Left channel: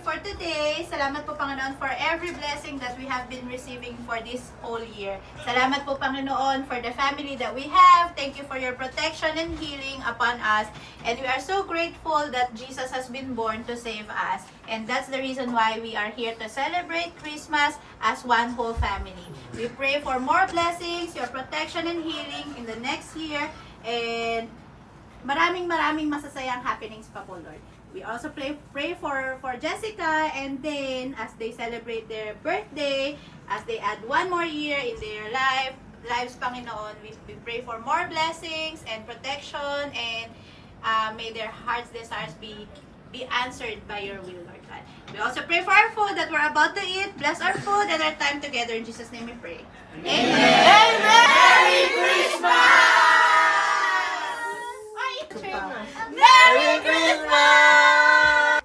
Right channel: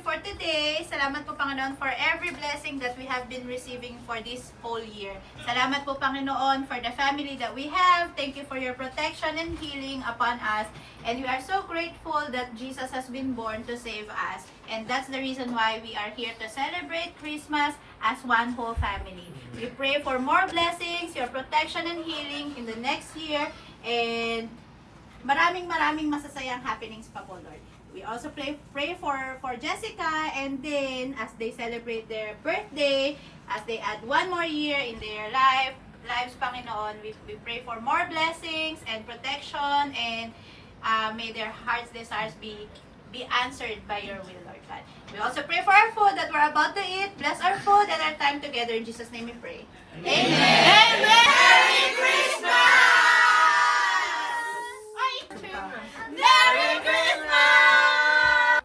you for today. Salamat po, Panginoon, for every blessing that we have been receiving for this whole year. Salamat po, Panginoon, for the family that we have. Thank you for your protection and healing upon us. And we are so grateful that Jesus has been born to save us. And that's the reason why we are here to celebrate Christmas as one whole family. We pray for more blessings, your protection and healing in the next year. And maraming masasayang happenings pa po, Lord. We also pray for Jessica and then as they celebrate their birthday, as they add one more year in their lives, Panginoon, we pray for more blessings and protection and may their heart's desires be answered by your will, Lord God. We also pray for our food that we're about to eat. Bless our food and our time together. In Jesus' name we pray. Amen. Amen. Merry Christmas! Merry Christmas!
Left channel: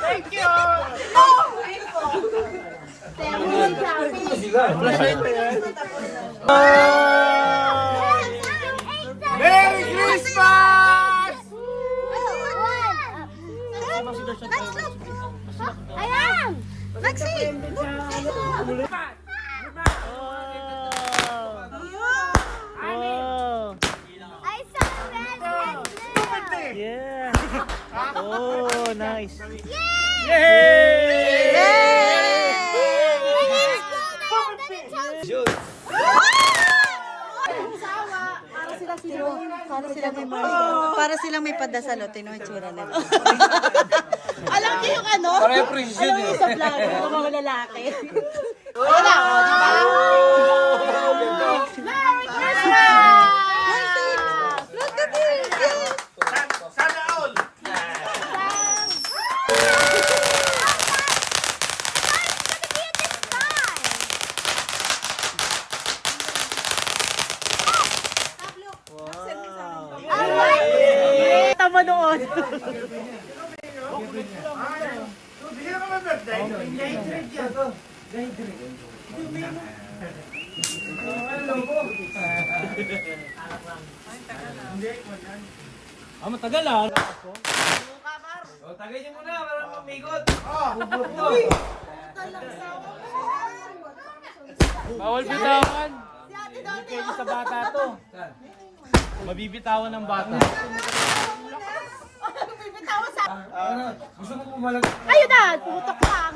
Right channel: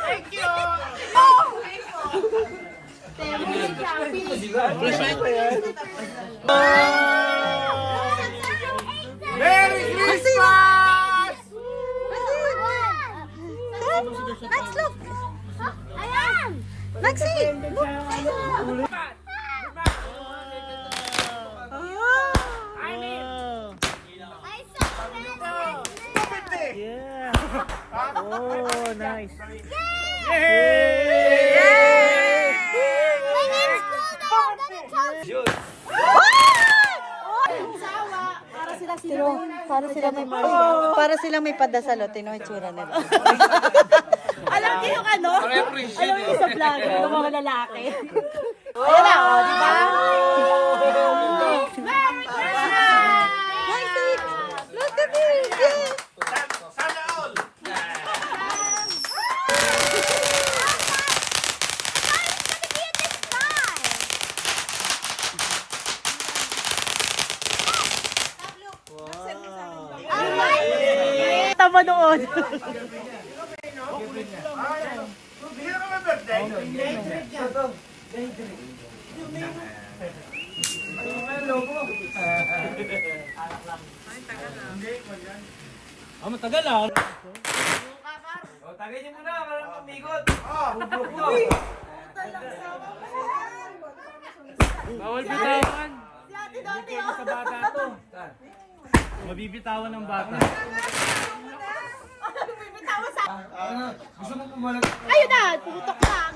Thank you! Merry Christmas! Max, look! Ayan! Maxi! Wow! I saw red. Yeah! Oh, nice! Yay! My name's Golden. I'm gonna tell you. Para sila may padasal, o, tino yung tsura nila. Alam niyo yung ano? Alam niyo yung sa vlog ng mga lalaki. Ayan na, o, di ba? Merry Christmas! Look at this! Yes! Sana all! Tama naman. Hindi ka naman birthday. Matagal ah. Tagay niyo muna, para umigot. Bawal bitawan. Hindi kayo sa bata to. Mabibitawan ng bata. Gusto mo pumalag? Ayun na! Putok lang!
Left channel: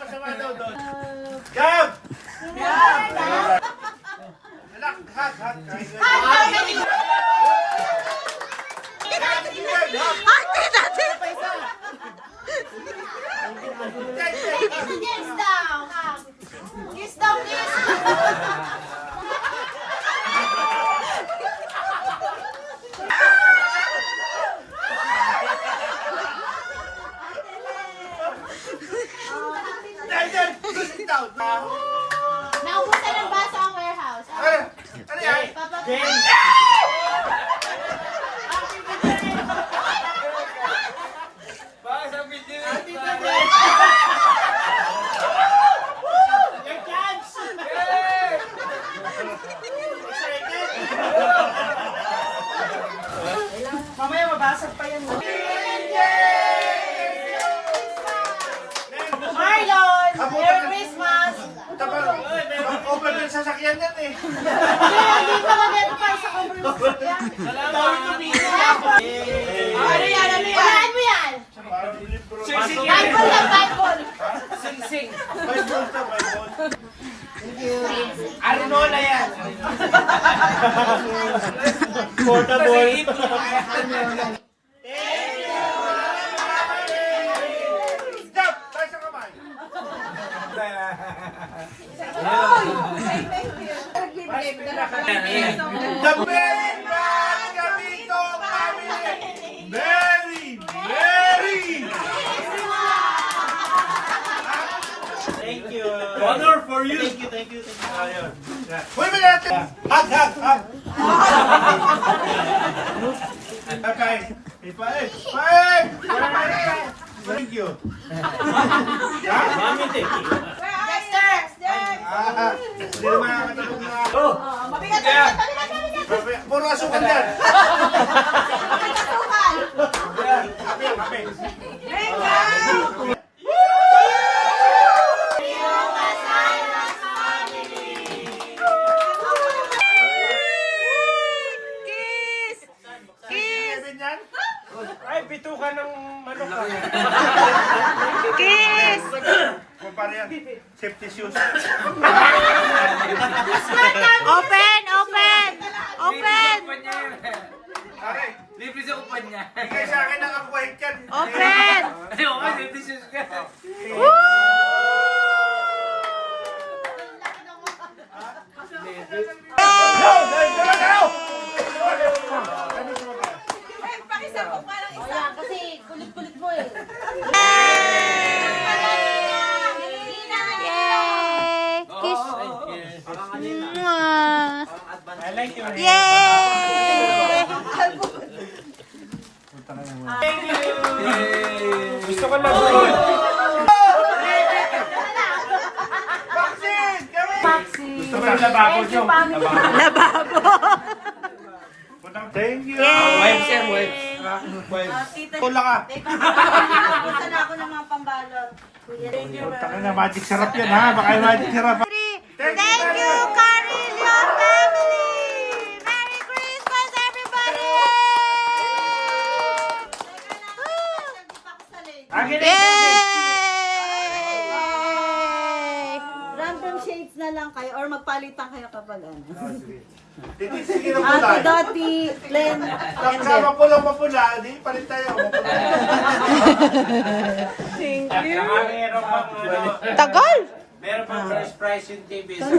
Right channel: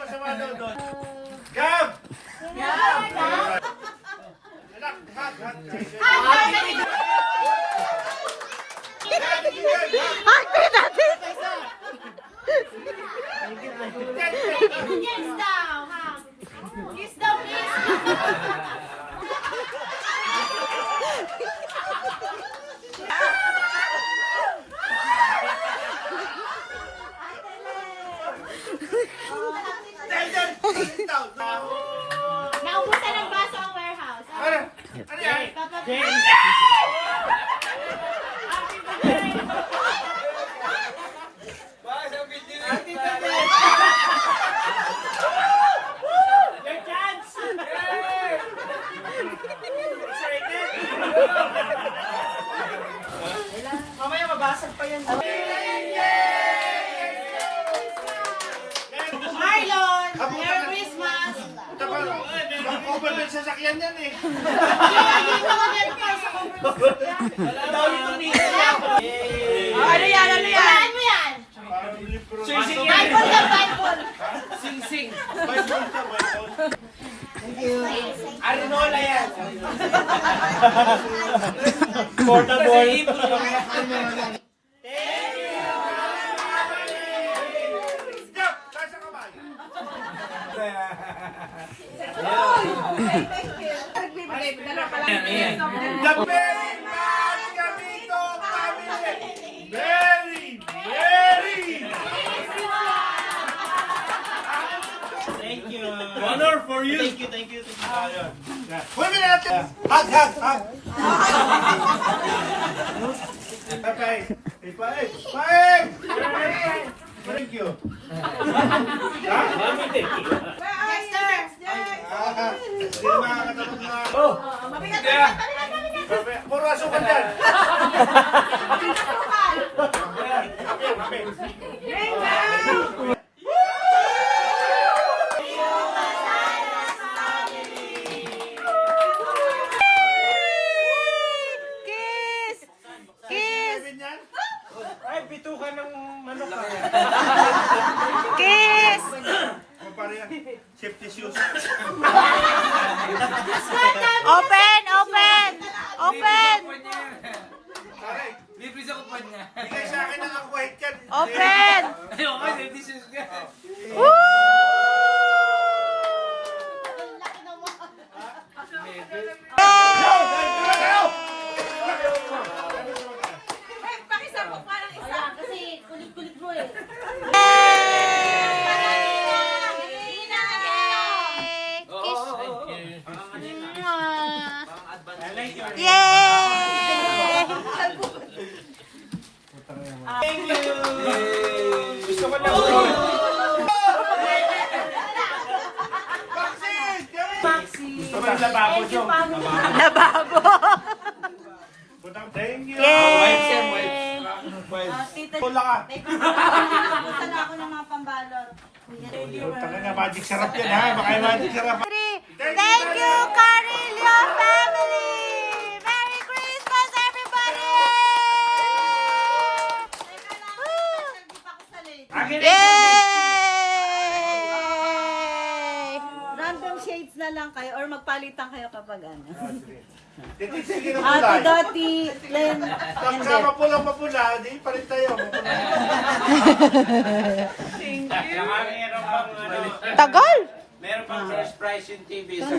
Masama daw doon. Gab! Kiss down, ha? Kiss down, please. Naubusan ng baso ang warehouse. Ano yan? Papa, Bakit ang video? Your chance! Mamaya mabasag pa yung... Marlon! Merry Christmas! Over yung sasakyan yan eh. Hindi ka ba meron pa sa cover? Dami to dito. Ano yan? Ano yan? Saan mo yan? Sing-sing Bible lang, Bible! Sing-sing. Bible ka, Bible. Arinola yan. Portable. Stop! Tayo sa kamay. The very bad Camino family! Very! Thank you. Honor for you. Thank you. Ayun. Wait a minute. Hug. Okay. Five. Thank you. Puro asukan yan. Kiss! Kiss! Ay, bitukan ng manok ka. Kiss! O pare yan, safety shoes. Open! Open! Open! Pare, Libre sa kumpanya. bigay sa akin ng akuwait yan. Open! Ay, okay, safety shoes ka. Woo! Pakisabok pa ng isa kasi kulit-kulit mo eh. Yay! Kiss! Mwah! I like you. Yay! Gusto ko lang. Gusto ko lang labakot yung. Lababo! Thank you. Yay! Tula ka. Gusto na ako ng mga pambalot. Tangin na, magic sarap yan ha. Baka yung magic sarap. Thank you, Carillo family! Merry Christmas, everybody! Yay! Random shades na lang kayo or magpalitan kayo kapag ano. Sige na Ate pula. Dottie, Len, and Beth. Sama pula, di palit tayo. Saka meron pang ano, Tagal! meron pang first prize yung TV sa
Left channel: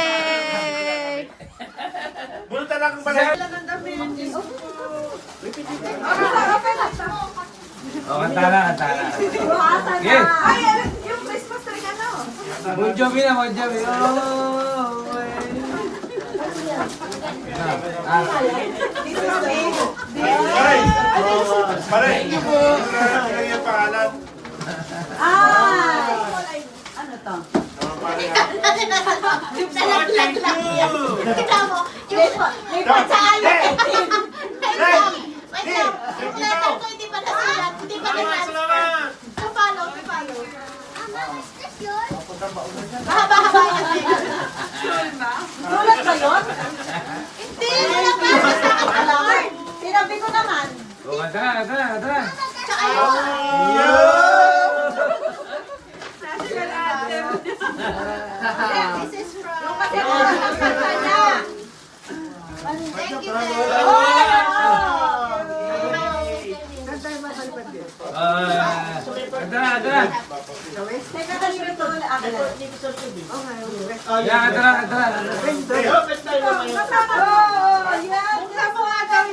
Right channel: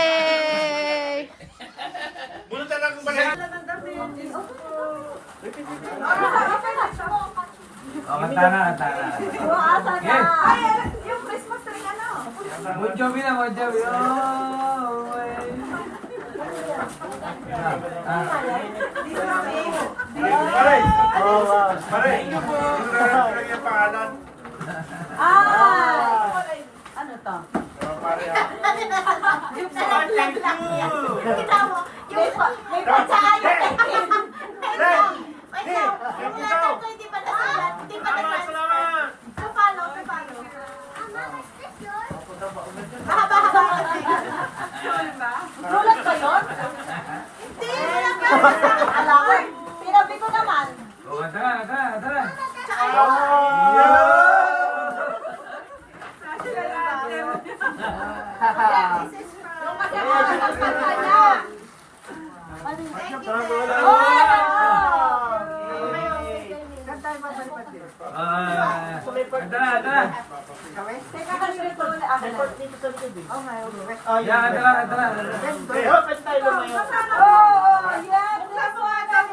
Yay! Bulta lang ang balik. Kantara, kantara. Ay, yung Christmas tree ano? Bon Jovi na, Bon Jovi. Pare, lang yung pangalan. Ay! Ano to? Nalaglag lang yan. Kita mo, yung May patsalo! wait lang, yung letter ko hindi pa nasulat, hindi pa nasulat. Tupalo. Mahaba-haba yun. Sulat ba yun? Hindi, wala pa. Alam. Sinabi ko naman. Kantara, kantara, kantara. Tsaka yung this is from... Yung kasi oras ang kanta niya. Thank you, Kantara, kantara. Teka kasi ito ulit. Yan, kantara, kantara. Oh, yan. Kasama ka yan.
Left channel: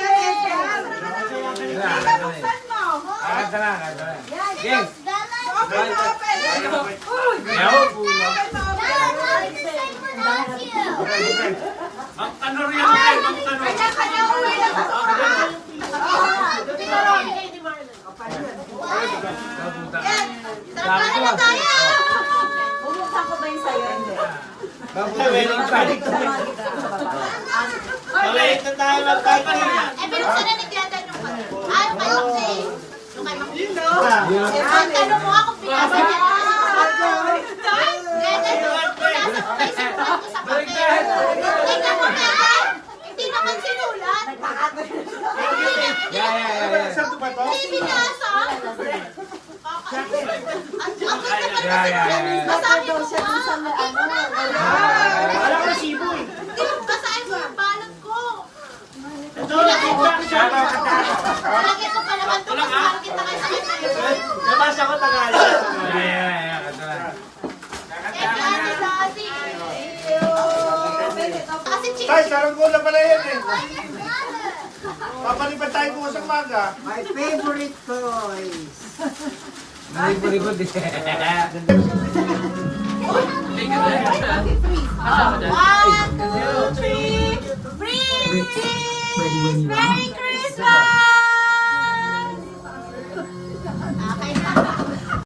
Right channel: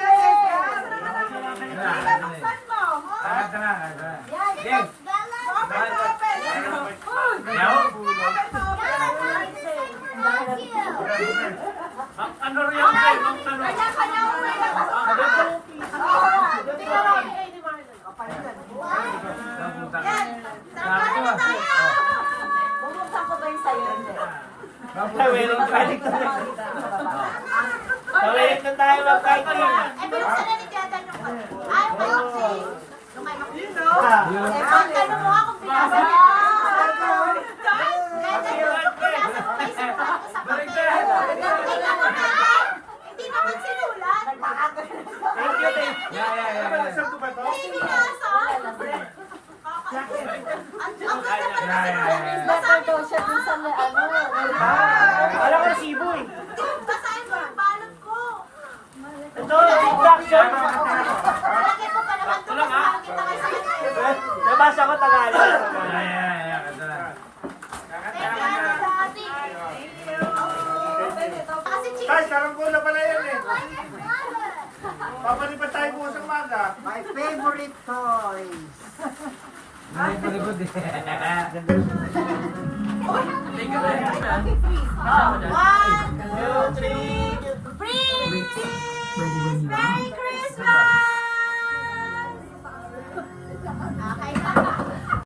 Teka, buksan mo. Kantara, kantara. Yan. Gang. Open mo, open. Uy. Meron. Open mo, open. Ano rin yan? Kanya-kanya uwi ng basurahan. Sarap na tayo! Bubuksan ko ba yung sa'yo? Hindi. Balik na tayo ng tatay. Binuksan na ni Diada yung ang tanong mo ako pinasa niya. Ganyan, pinasa mo may sinulat ko sa papel. Tingnan mo na! Hindi naman sinulat. Hindi binasa. Basta daw siya dun sa may ano. Basahin mo yung balot ko. Lagyan ko pa naman ito kasi nakakita ka sa kanya. Nabasa ko Tagalog. Kasi chicken. Guys, saranggola pala yan eh. Papalipan tayo bukas ang maga. My favorite toys. Libod-libod eh. 1, 2, 3. Freeze! Merry Christmas!